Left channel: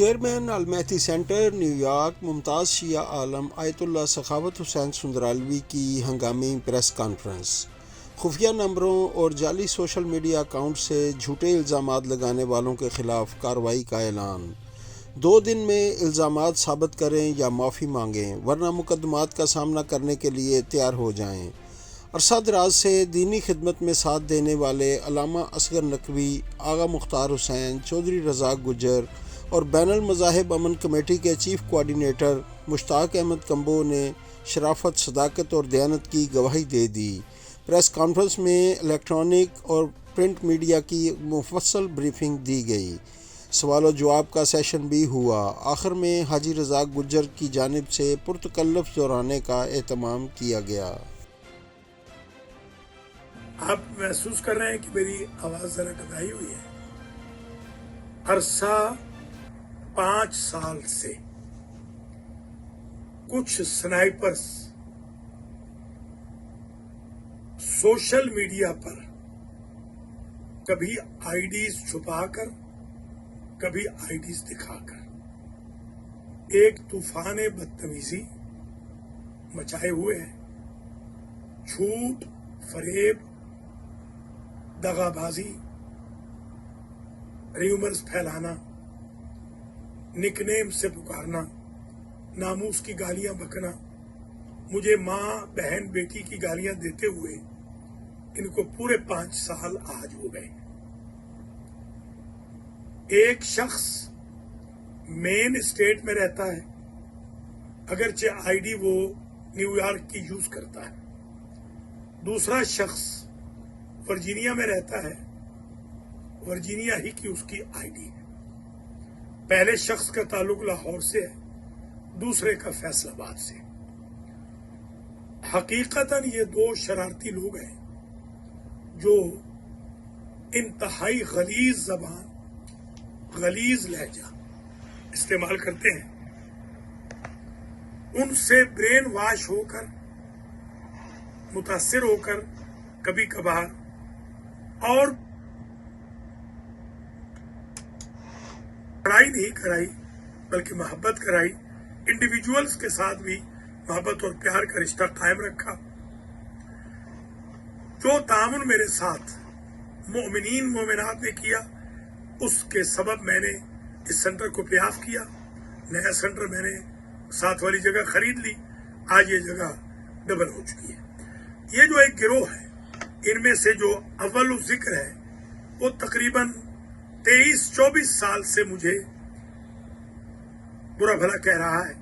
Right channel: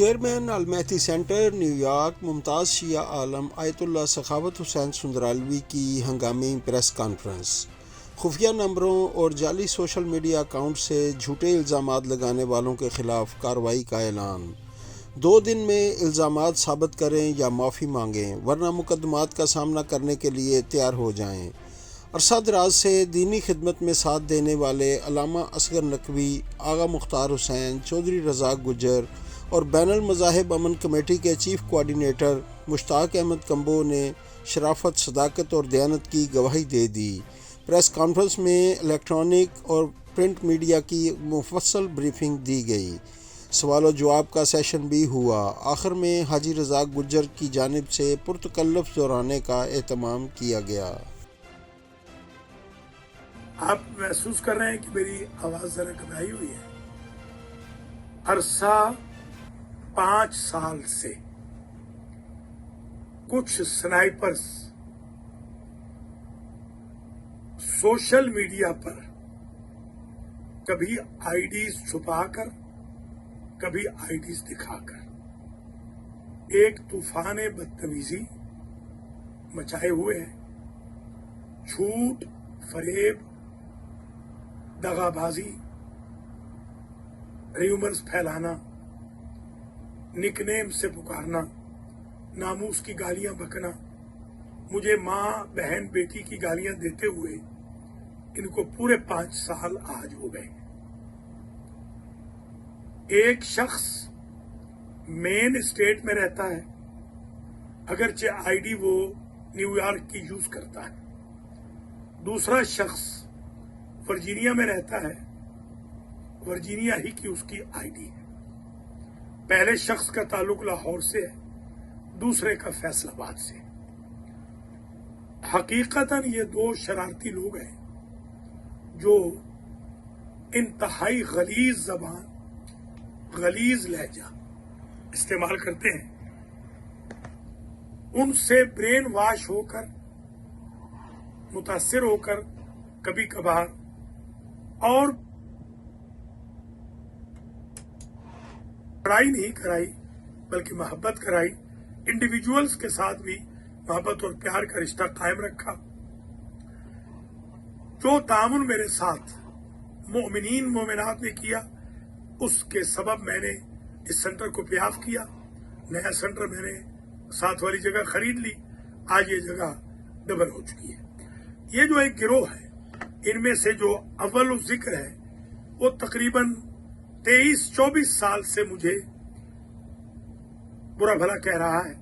Chairman المہدی centre new York ممتاز شیعہ عالم آیت اللہ سخاوت حسین سندرالوی کی ہنگامی پریس کانفرنس۔ خفیہ نمبروں اور جعلی سوشل میڈیا اکاؤنٹ سے جھوٹے الزامات لگانے والوں کے خلاف کارروائی کا اعلان۔ 2 دن میں الزامات ثابت کریں یا معافی مانگیں ورنہ مقدمات کا سامنا کرنے کے لیے تیار ہو جائیں۔ عرصہ دراز سے دینی خدمت میں ساتھ دینے والے علامہ اصغر نقوی، آغا مختار حسین، چودھری رزاق گجر اور بین المذاہب امن کمیٹی کے چیف کوآرڈینیٹر مشتاق احمد کمبو نے شرافت، صداقت اور دیانت کی گواہی دے دی۔ پریس کانفرنس میں الیکٹرانک اور پرنٹ میڈیا کی مفصل بریفنگ دی گئی۔ سوال و جواب کا سیشن بھی ہوا۔ آخر میں حاجی رزاق گجر کی جانب سے پرتکلف دہرانے کا اہتمام کیا گیا۔ آپ محسوس کر رہے ہیں کہ میری آواز ذرا دبائی ہوئی ہے۔ عرصہ 5 سال سے کچھ سنائپرز سوشل میڈیا پر کبھی آئی ڈیز چھپا کر، کبھی آئی ڈیز دکھا کر ایک طوفان بدتمیزی مچائے ہوئے ہیں۔ جھوٹ، فریب، دغا بازی، ریومرز پھیلانا، نک نیم سے پکارنا، ناموس کی گالیاں بکنا، مجھے ماں، بہن، بیٹی کی گالیاں دیتے ہوئے ان کو پورے 5 سال آج ہو گئے۔ ایک شخص مین اسٹیٹ میں رہتا ہے، اگرچہ آئی ڈی وہ نیو یارک کی یوز کرتا ہے۔ دوسرا شخص ورجینیا میں رہتا ہے، ورجینیا ہی کی اس کی آئی ڈی ہے۔ پہلے شخص کا تعلق لاہور سے ہے، دوسرے کا فیصل آباد سے۔ حقیقتاً یہ 2 شرارتی لوگ ہیں جو انتہائی غلیظ زبان، غلیظ لہجہ استعمال کرتے ہیں۔ ان سے برین واش ہو کر، متاثر ہو کر کبھی کبھار اور لڑائی نہیں کرائی بلکہ محبت کرائی، انڈیویجولز کے ساتھ بھی محبت اور پیار کا رشتہ قائم رکھا۔ جو تعاون میرے ساتھ مومنین مومنات نے کیا، اس کے سبب میں نے اس سینٹر کو پے آف کیا۔ نیا سینٹر میں نے ساتھ والی جگہ خرید لی، آج یہ جگہ ڈبل ہو چکی ہے۔ یہ جو ایک گروہ ہے، ان میں سے جو اول ذکر ہے وہ تقریباً 23-24 سال سے مجھے برا بھلا کہہ رہا ہے،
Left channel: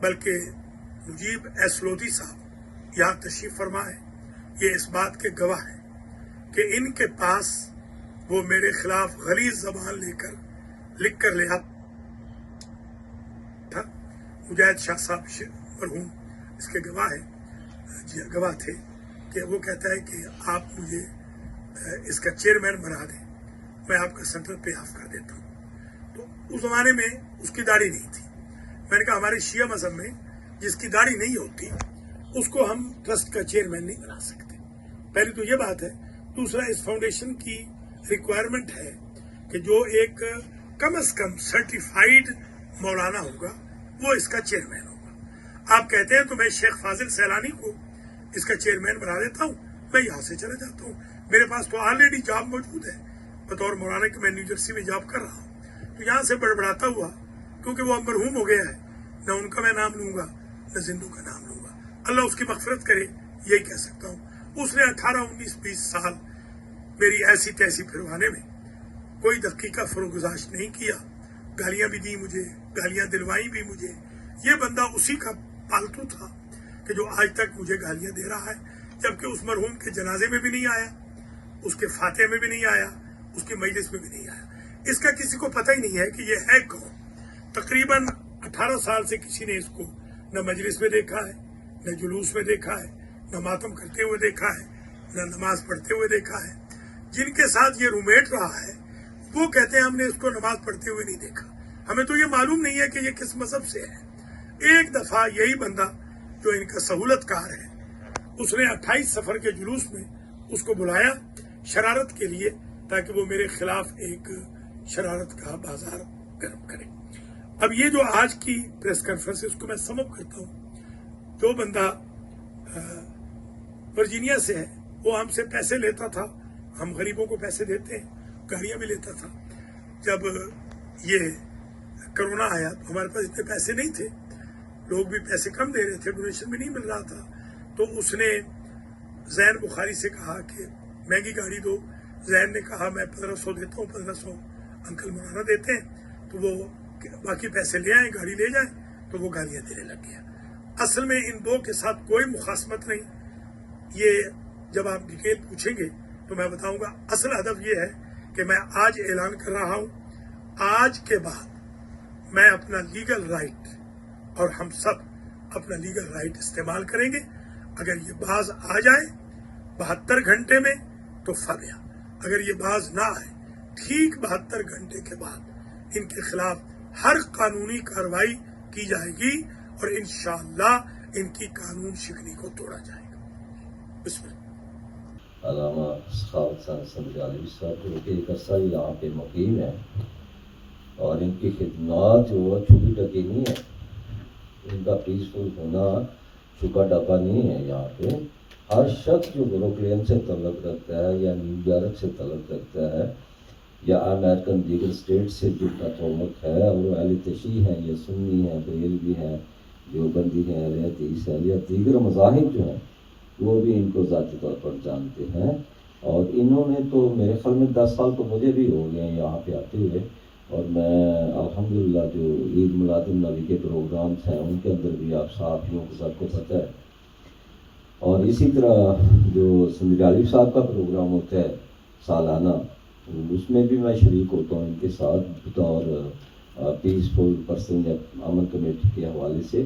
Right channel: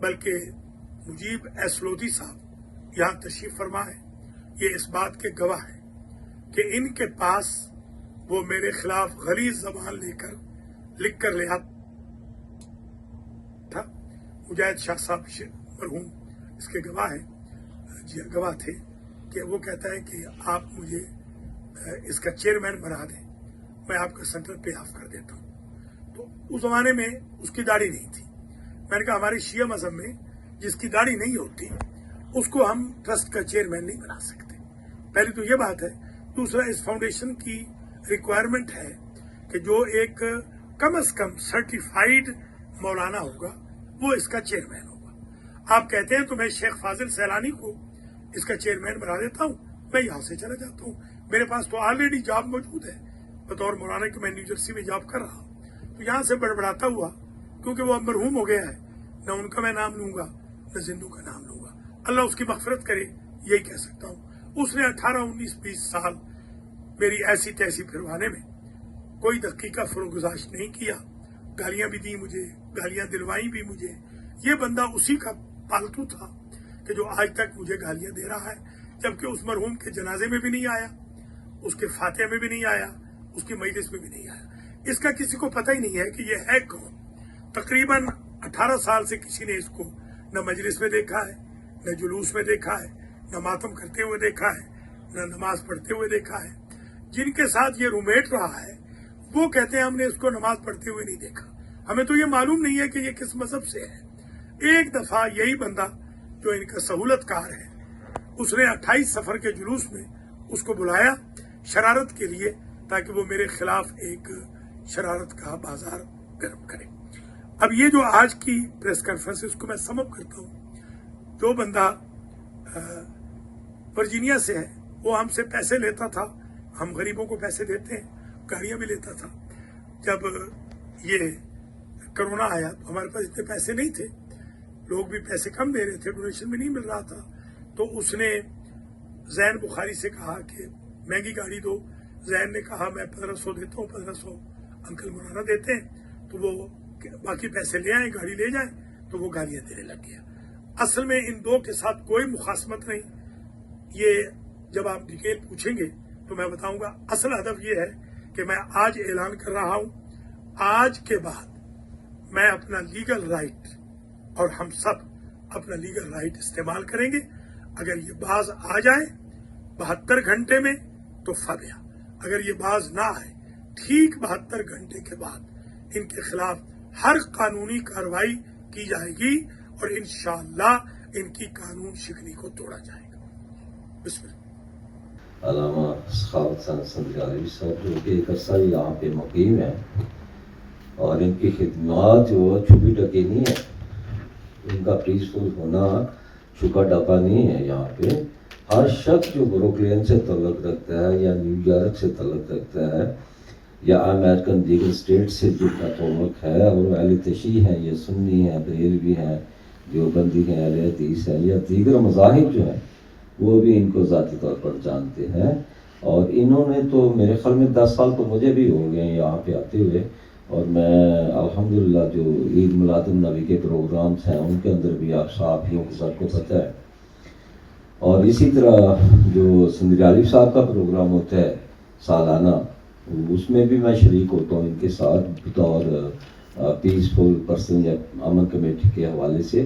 بلکہ مجیب ایس لودھی صاحب یہاں تشریف فرما ہے، یہ اس بات کے گواہ ہے کہ ان کے پاس وہ میرے خلاف غلیظ زبان لکھ کر لے آتا۔ مجاہد شاہ صاحب مرحوم اس کے گواہ ہیں، گواہ تھے کہ وہ کہتا ہے کہ آپ مجھے اس کا چیئرمین بنا دیں، میں آپ کا سینٹر پے آف کر دیتا ہوں۔ تو اس زمانے میں اس کی داڑھی نہیں تھی۔ میں نے کہا ہمارے شیعہ مذہب میں جس کی داڑھی نہیں ہوتی اس کو ہم ٹرسٹ کا چیئرمین نہیں بنا سکتے۔ پہلی تو یہ بات ہے۔ دوسرا، اس فاؤنڈیشن کی ریکوائرمنٹ ہے کہ جو ایک کم از کم سرٹیفائیڈ مولانا ہوگا وہ اس کا چیئرمین ہوگا۔ آپ کہتے ہیں تو میں شیخ فاضل سیلانی کو اس کا چیئرمین بنا دیتا ہوں، میں یہاں سے چلا جاتا ہوں، میرے پاس تو آلریڈی جاب موجود ہے بطور مولانا کہ میں نیو جرسی میں جاب کر رہا ہوں۔ تو یہاں سے بڑبڑاتا ہوا، کیونکہ وہ اب مرحوم ہو گیا ہے، نہ ان کا میں نام لوں گا نہ زندوں کا نام لوں گا، اللہ اس کی مغفرت کرے، یہی کہہ سکتا ہوں۔ اس نے 18, 19, 20 سال میری ایسی تیسی پھروانے میں کوئی دقیقہ فروگزاشت نہیں کیا، گالیاں بھی دی مجھے، گالیاں دلوائی بھی مجھے۔ یہ بندہ اسی کا پالتو تھا کہ جو آج تک مجھے گالیاں دے رہا ہے، جبکہ اس مرحوم کے جنازے میں بھی نہیں آیا، اس کے فاتحے میں بھی نہیں آیا، اس کی مجلس میں بھی نہیں آیا۔ اس کا کسی کو پتہ ہی نہیں ہے کہ یہ ہے کون۔ تقریباً 18 سال سے کسی نے اس کو نہ مجلس میں دیکھا ہے، نہ جلوس میں دیکھا ہے، نہ ماتم کرتے ہوئے دیکھا ہے، نہ نماز پڑھتے ہوئے دیکھا ہے۔ جن کے ساتھ یہ رومیٹ رہا ہے وہ کہتے ہیں ہم نے اس کو نماز پڑھتے ہوئے نہیں دیکھا۔ ہمیں تو یہ معلوم نہیں ہے کہ یہ کس مذہب سے ہے۔ ایک دفعہ یہی بندہ جو ان کا سہولت کار ہے، اس نے 28 سفر کے جلوس میں اس کو بلایا شرارت کے لیے، تاکہ وہ میرے خلاف ایک شرارت کا بازار گرم کرے۔ اب یہ جو آج کی پریس کانفرنس ہے اس کو میں سم اپ کرتا ہوں. جو بندہ ورجینیا سے ہے وہ ہم سے پیسے لیتا تھا, ہم غریبوں کو پیسے دیتے ہیں, گاڑیاں بھی لیتا تھا. جب یہ کرونا آیا تو ہمارے پاس اتنے پیسے نہیں تھے, لوگ بھی پیسے کم دے رہے تھے, ڈونیشن بھی نہیں مل رہا تھا. تو اس نے زین بخاری سے کہا کہ مہنگی گاڑی دو. زین نے کہا میں 1500 دیتا ہوں, 1500 انکل مولانا دیتے ہیں, تو وہ باقی پیسے لے آئیں, گاڑی لے جائیں. تو وہ گاڑیاں دینے لگ گیا. اصل میں ان دو کے ساتھ کوئی مخاصمت نہیں. یہ جب آپ ڈیٹیل پوچھیں گے تو میں بتاؤں گا. اصل ہدف یہ ہے کہ میں آج اعلان کر رہا ہوں, آج کے بعد میں اپنا لیگل رائٹ اور ہم سب اپنا لیگل رائٹ استعمال کریں گے. اگر یہ باز آ جائے 72 گھنٹے میں تو فبیا, اگر یہ باز نہ آئے ٹھیک 72 گھنٹے کے بعد ان کے خلاف ہر قانونی کارروائی کی جائے گی اور انشاءاللہ ان کی قانون شکنی کو توڑا جائے گا. بسم اللہ. علامہ سخاوت حسین سندرالی صاحب جو کہ ایک عرصہ یہاں پہ مقیم ہے اور ان کی خدمات جو چھپی ڈکی نہیں ہے, ان کا پیسفل ہونا چھپا ڈکا نہیں ہے. یہاں پہ ہر شخص جو بروکلین سے تعلق رکھتا ہے یا نیو یارک سے تعلق رکھتا ہے یا امریکن دیگر اسٹیٹ سے جن کا تعلق ہے, اور اہل تشیع ہیں, یہ سنی ہیں, بریلوی ہیں, دیوبندی ہیں, اہل حدیث ہیں یا دیگر مذاہب جو ہیں, وہ بھی ان کو ذاتی طور پر جانتے ہیں. اور انہوں نے تو میرے خیال میں 10 سال تو مجھے بھی ہو گئے ہیں یہاں پہ آتے ہوئے, اور میں الحمدللہ جو عید میلاد النبی کے پروگرامس ہیں ان کے اندر بھی آپ صحافیوں کو سب کو پتہ ہے. اور اسی طرح جو سندرالی صاحب کا پروگرام ہوتا ہے سالانہ, اس میں بھی میں شریک ہوتا ہوں ان کے ساتھ بطور پیسفل پرسن یا امن کمیٹی کے حوالے سے.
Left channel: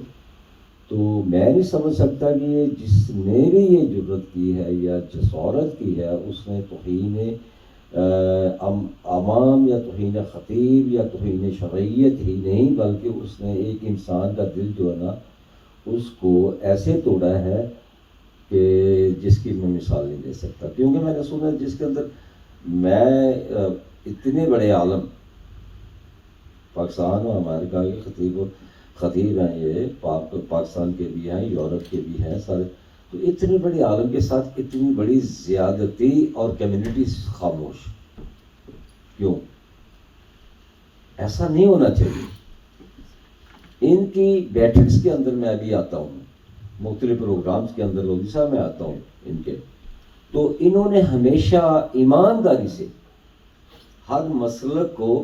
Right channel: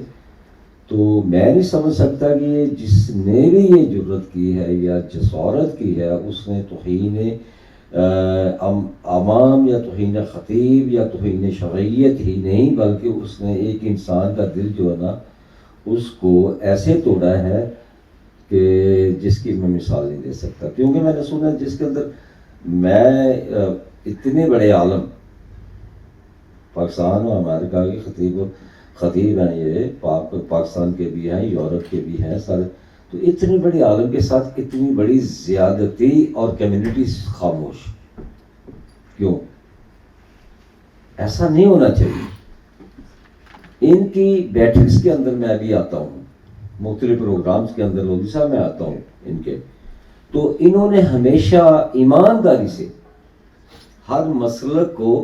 تو میں نہیں سمجھ سکتا کہ یہ جس نے بھی یہ جرت کی ہے یا جسارت کی ہے اس نے توہین عوام یا توہین خطیب یا توہین شرعیت ہی نہیں, بلکہ اس نے ایک انسان کا دل جو ہے نا اس کو ایسے توڑا ہے کہ جس کی میں مثال نہیں دے سکتا. کیونکہ میں نے سنا جس کے اندر میں اتنے بڑے عالم پاکستان اور امریکہ کے خطیب ہیں, یہ پاکستان کے بھی ہیں, یورپ کے بھی ہیں سارے, تو اتنے بڑے عالم کے ساتھ اتنی بڑی زیادتی اور کمیونٹی خاموش کیوں؟ ایسا نہیں ہونا چاہیے. ان کی بیٹھکس کے اندر میں بھی آتا ہوں, مختلف پروگرامز کے اندر روزی صاحب میں آتا ہوں ان کے, تو انہوں نے ہمیشہ ایمانداری سے ہر مسلک کو,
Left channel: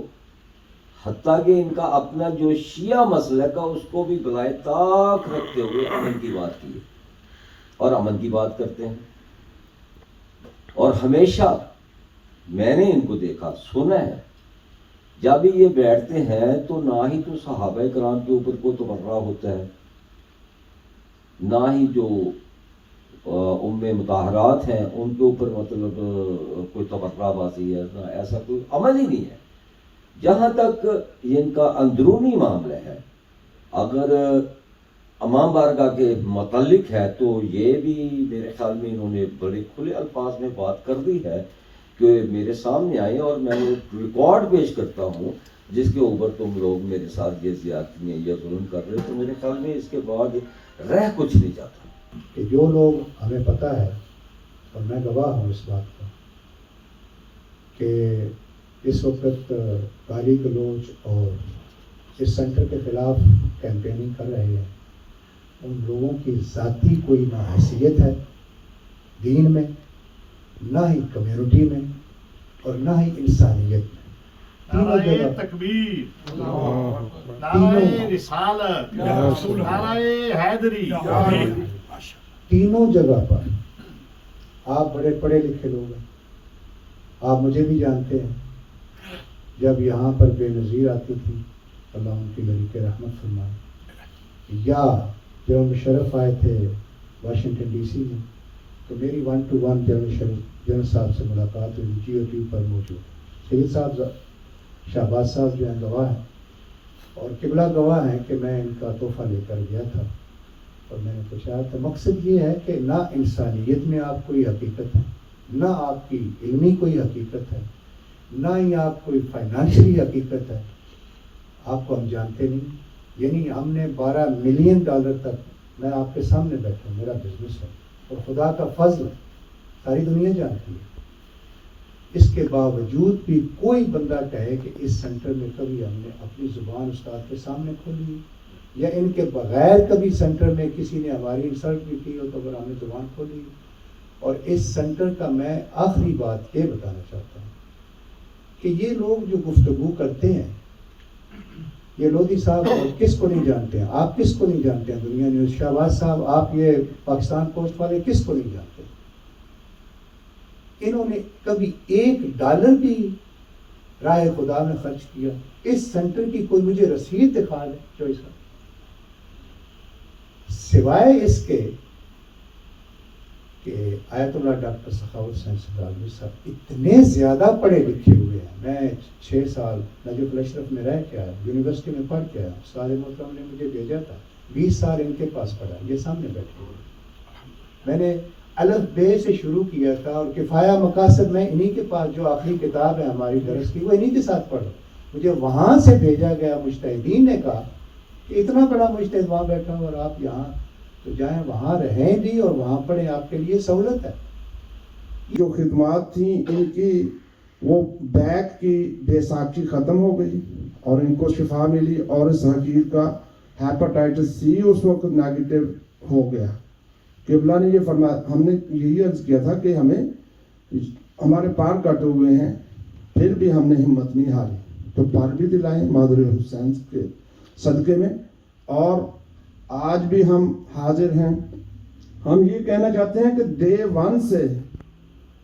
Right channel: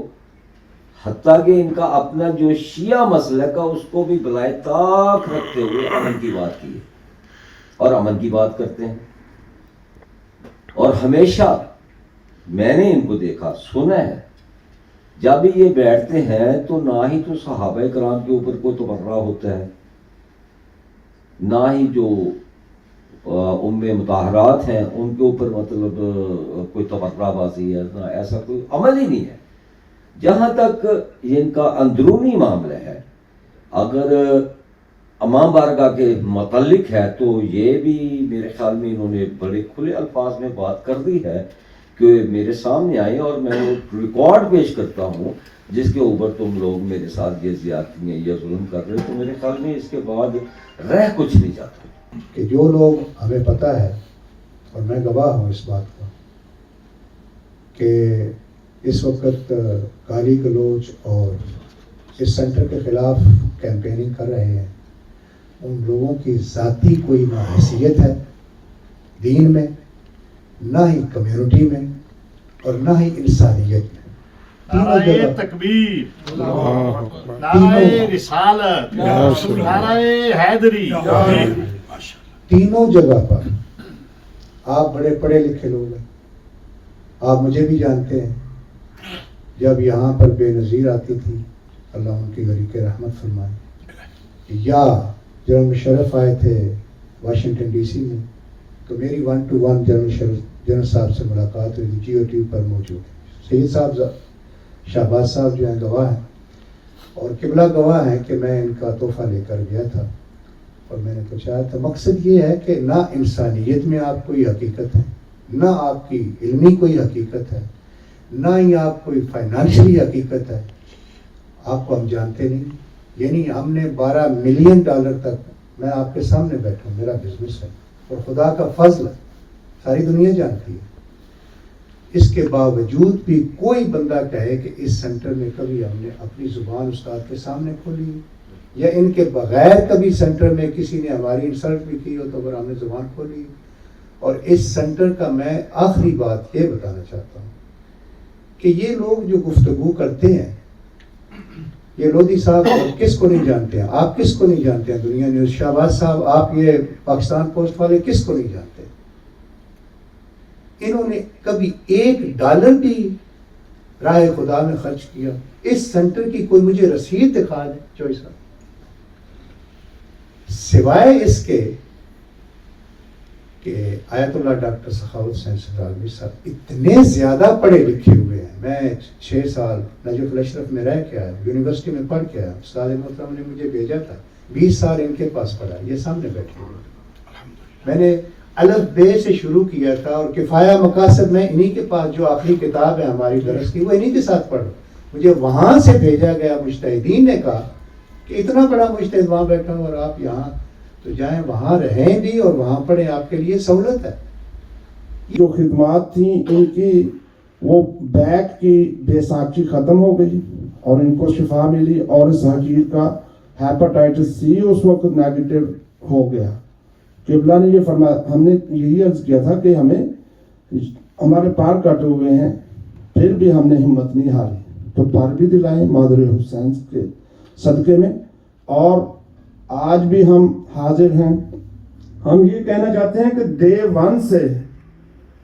حتیٰ کہ ان کا اپنا جو شیعہ مسلک کا اس کو بھی بلائے طاق رکھتے ہوئے امن کی بات کی ہے اور امن کی بات کرتے ہیں. اور ہمیشہ میں نے ان کو دیکھا سنا ہے جب یہ بیٹھتے ہیں تو نہ ہی تو صحابہ کرام کے اوپر کوئی تبرہ ہوتا ہے, نہ ہی جو ام مطہرات ہیں ان کے اوپر مطلب کوئی تبرہ بازی ہے, نہ ایسا کوئی عمل ہی نہیں ہے. جہاں تک ان کا اندرونی معاملہ ہے, اگر امام بارگاہ کے متعلق ہے تو یہ بھی میرے خیال میں انہوں نے بڑے کھلے الفاظ میں بات کر دی ہے کہ میرے سامنے آئے اور میں وہ ریکارڈ پیش کرتا ہوں جس کے اوپر تم لوگ میرے ساتھ یہ زیادتی یا ظلم کر رہے, تو میرے خیال میں اس کے بعد رہ کچھ نہیں جاتا. کہ جو لوگ ہمیں پتہ ہے, اور میں گواہ ہوں اس بات کا, کہ اس وقت گالی گلوچ اور اس سینٹر کے خلاف کیمپیننگ کر رہے ہیں, ان لوگوں کی ذاتی کوئی نہ حیثیت ہے دین میں, نہ ہی کمیونٹی میں, اور نہ ہی انسانیت میں. نعرہ تکبیر, نعرہ رسالت, نعرہ حیدری. تینوں جگہ پر آپ بڑے پڑھے لکھے لوگ ہیں, آپ مجھے بھی جانتے ہیں. جب یہاں پر بے نظیر آتی تھی, اللہ ان کی گھر کے رحمت فرمائے, یا جنرل مشرف آئے تھے واشنگٹن ڈی سی میں, تو میری 1-to-1 جنرل صاحب سے ملاقات ہوئی, جی او ٹی پر موجود. سید صاحب شہباز صاحب جو ہیں گواہ ہیں, اور قبلہ گواہ ہیں کہ میں ان کا تحفہ لے کر گیا تھا اور میں نے پوچھا تھا. مقصد یہ ہے کہ نہ انسانیت میں آپ کوئی حقیقت ہے, نہ آپ کی علمی کوئی حقیقت ہے, نہ ہی آپ کوئی فائنانشلی حقیقت ہے. آپ کو ہم جانتے نہیں، یعنی ہم نے $12 ملین تک، میں آپ کے سامنے بیٹھا ہوں، میرا بزنس ہے اور خدا کا فضل ہے، ساری دنیا جانتی ہے، اس کے باوجود بھی کوئی بندہ کہے کہ اس سینٹر میں کبھی ہم نے اپنی زبان استاد کے سامنے کھولی، یا ان کے بغیر کبھی سینٹر میں کسی نے ہماری انسلٹ بھی کی ہو تو اگر ہم نے زبان کھولی. اور اس سینٹر کا میں آخری بات یہ بتانا چاہتا ہوں کہ یہ لوگ جو گفتگو کرتے ہیں، یہ لودھی صاحب کس کو نہیں جانتے ہیں، آپ کس کو نہیں جانتے ہیں، دنیا نیوز شہباز صاحب، آپ یہ پاکستان پوسٹ والے کس کو نہیں جانتے؟ انہوں نے کبھی $1 بھی راہ خدا میں خرچ کیا؟ اس سینٹر کی کوئی مجھے رسید دکھا دے چوئی صاحب، سوائے اس کے کہ آیت اللہ ڈاکٹر سخاوت حسین سنگرالوی صاحب اتنے زیادہ پڑھے لکھے ہوئے ہیں. میں 6 سال نجف الاشرف میں رہ کے آیا، یونیورسٹی میں پڑھ کے آیا، استاد محترم نے مجھے بھیجا تھا، 20 سال ان کے پاس پڑھا، یہ سامنے بیٹھے ہوئے. میں نے الف بے سے شروع کیا تھا اور کفایہ مقاصد میں انہی کے پاس، جو آخری کتاب ہے ہماری درس کی، وہ انہی کے ساتھ پڑھا. مجھے وہاں سے بھیجا گیا، مجتہدین نے کہا کہ اتنا بڑا مجتہد وہاں بیٹھا اور آپ یہاں، تو جائیں وہاں رہیں بھی اور وہاں پڑھیں، آپ کے لیے سہولت ہے. جو خدمات تھیں ان کی، وہ بیک کی بیساکھی ختم ہو گئی اور ان کو شفا ملی، اور اس حقیر کا ہیپاٹائٹس سی اس وقت نیگیٹو ہو گیا. قبلہ نے یہ فرمایا، ہم نے یہی عرض کیا تھا کہ ہمارے پار کٹے ہوئے ہیں، پھر بھی ہم نے ہمت نہیں ہاری، تو پار بھی دلائیں مادر حسین کے صدقے میں. اور آج بھی ہم حاضر ہیں. ہم یہ کہنا چاہتے ہیں کہ Day 1 سے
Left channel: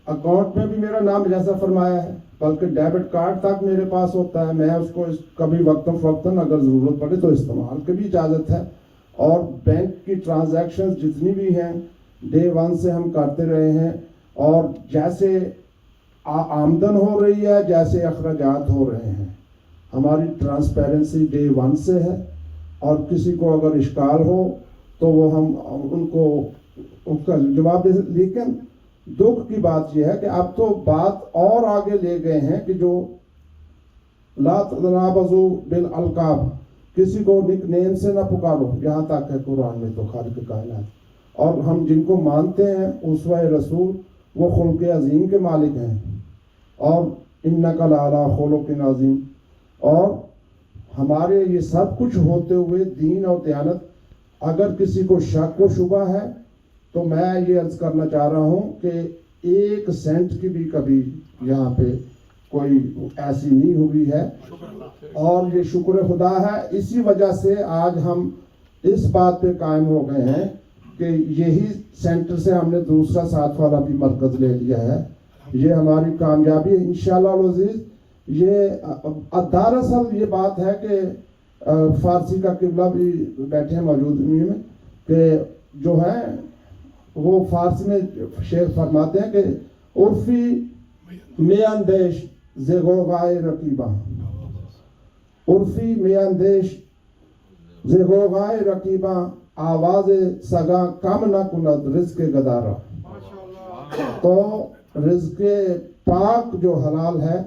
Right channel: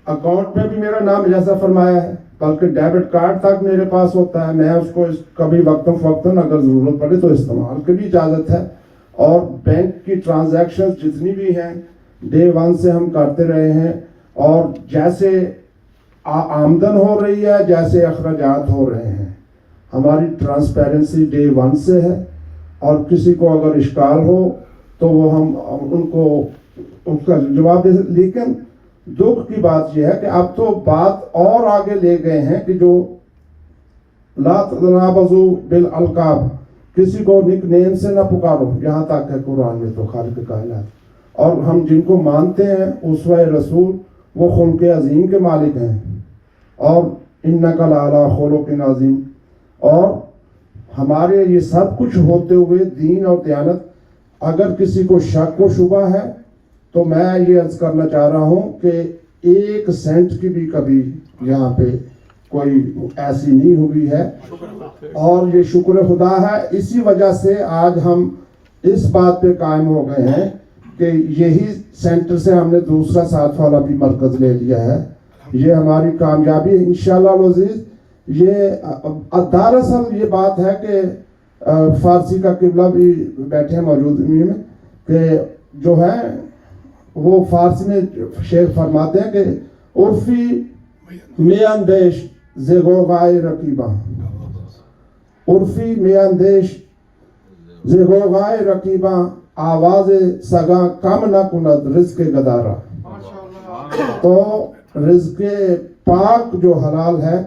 اکاؤنٹ میں بھی میرا نام جیسا فرمایا ہے، بلکہ ڈیبٹ کارڈ تک میرے پاس ہوتا ہے، میں اس کو کبھی وقتاً فوقتاً اگر ضرورت پڑے تو استعمال کی بھی اجازت ہے. اور بینک کی ٹرانزیکشن جتنی بھی ہیں Day 1 سے ہم کرتے رہے ہیں، اور جیسے آمدن ہو رہی ہے جیسے اخراجات ہو رہے ہیں، ہماری ٹرانسپیرنسی Day 1 سے ہے. اور کسی کو اگر اشکال ہو تو وہ ہم ان کو اس کا جواب دے. لیکن دکھ کی بات یہ ہے کہ اب تو بات اور آگے لے گئے ہیں کہ جو لا تنابزوا بالالقاب، کسی کو نک نیم سے نہ پکارو، یہاں تک ہے قرآن میں تو خالق کائنات. اور ہم جن کو مانتے ہیں اسوہ رسول، وہ خلق عظیم کے مالک ہیں، اور انک لعلی خلق عظیم. اور ہمارے یہ سب کچھ ہوتے ہوئے دین اور دیانت، اگر کسی کو شک و شبہ ہے تو میں یہ عرض کرنا چاہ رہا ہوں کہ 1 سینٹ کی بھی کبھی یہاں پہ کوئی ایسی نہیں ہوئی ہے، اور یہ شکر خدا ہے. اسی وجہ سے آج ہم اس بات پہ قائم ہو گئے ہیں کہ یہی سینٹر سے ہم نے دوسرا 7 والا بھی مرکز لے لیا ہے. یہ ہماری کامیابی ہے انشاءاللہ العزیز. یہ دراصل یہ بات ہے کہ فارسی کا قبلہ بھی بیٹھے ہیں موجود میں، کہ جو ہے وہ فارسی میں شیخ فرماتے ہیں کہ عرفی میاندیش زغوغائے رقیبہ، عرفی میاندیش زغوغائے رقیبہ، آواز سگا کم نہ کند رزق گدارا. تو رزق پاک جو حلال ہے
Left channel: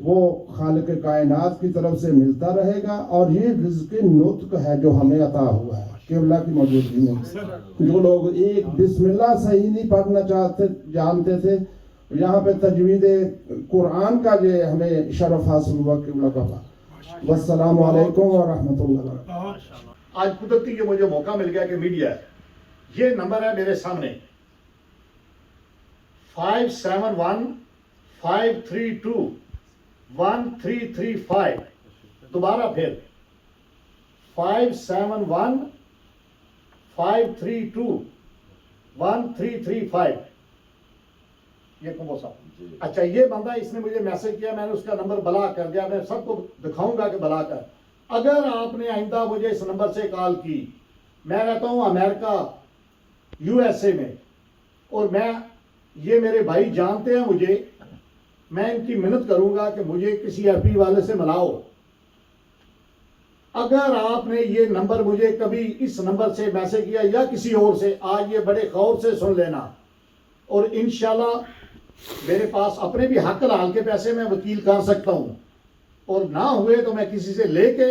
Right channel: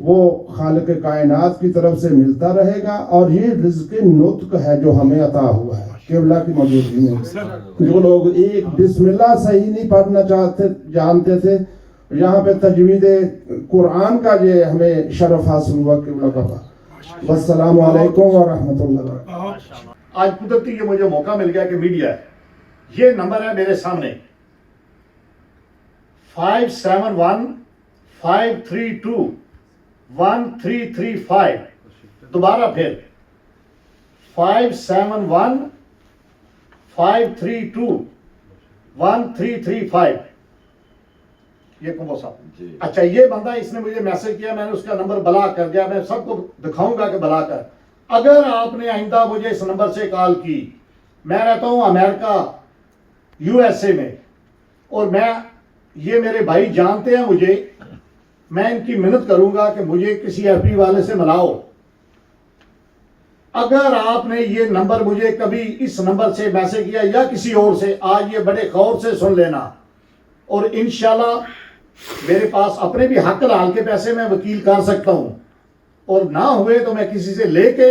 وہ خالق کائنات کی طرف سے ملتا رہے گا، اور یہ رزق نطق ہے جو ہمیں عطا ہوا ہے قبلہ کی موجودگی میں. جو لوگ ایک بسم اللہ صحیح نہیں پڑھنا جانتے تھے، یہاں پہ تجوید قرآن کا یہ ہمیں شرف حاصل ہوا قبلہ کا. والسلام علیکم ورحمۃ اللہ. آج قدرتی یہ مجھے موقع مل گیا کہ میڈیا ہے، یہ نمبر ہے میرے سامنے 571-532-1335. دوبارہ پھر 571-532-1335. یہ کمبو صاحب. اچھا، یہ بندہ اس نے مجھے میسج کیا، میں نے اس کا نمبر بلاک کر دیا. میں سب کو دکھاؤں گا کہ بلاک کر. اگر آپ نے آئندہ مجھے اس نمبر سے کال کی، میں رہتا ہوں امریکہ USA میں، اور یہ میرے بھائی جانتے ہیں مجھے، میں ان کی منت کروں گا کہ مجھے کسی FP والے سے ملاؤ. اگر آپ نے یہ نمبر مجھے کبھی اس نمبر سے میسج کیا یا کسی اور سے، آج یہ بڑے غور سے سن لینا، اور انشاءاللہ میرے پاس اپنے بھی حق لال کے پیسے میں وکیل کر سکتا ہوں، اور نہ ہوئے تو میں کسی سے لے کے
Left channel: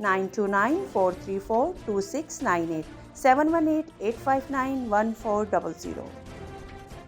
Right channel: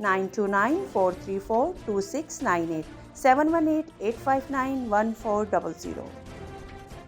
9294342698, 718-859-1400।